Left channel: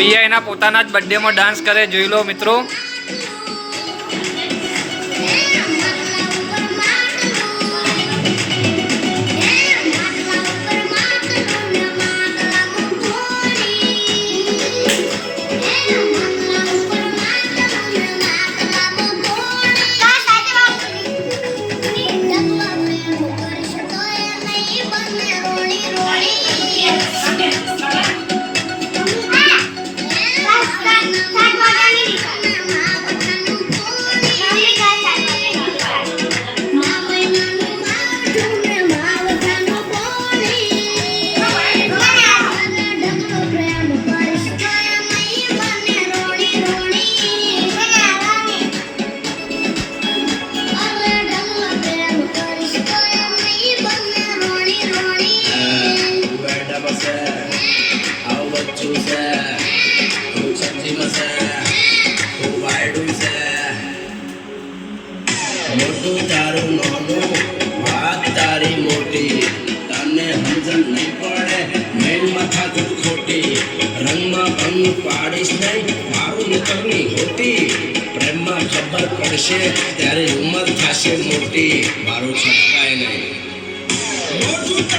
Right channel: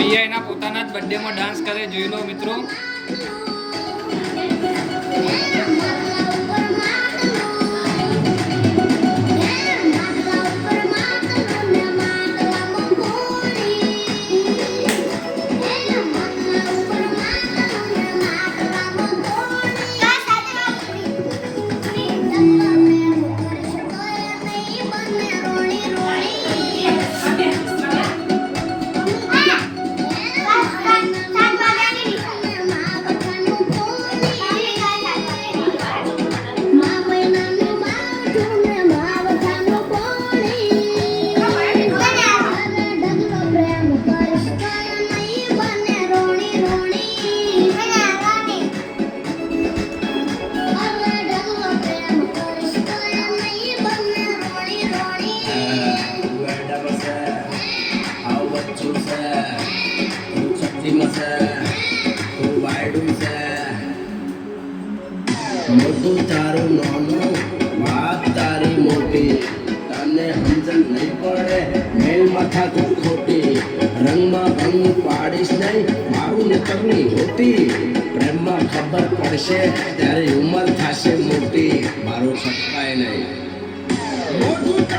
પીઆઈના પોતાના જ બર્થડેમાં ડાન્સ કરે, જોઈ લો મિત્રો। મોટું તારું નાનું વાત તારી મોટી, તને સમજણ નહીં પડે મેં માથા તું ખોટી, રંગમાં ભંગ પાડીશ નહીં મારું નીકળની હોતી, પ્રેમમાં ખબર પડશે ત્યારે ઉંમર થશે મોટી, મારું છટકાય નહીં।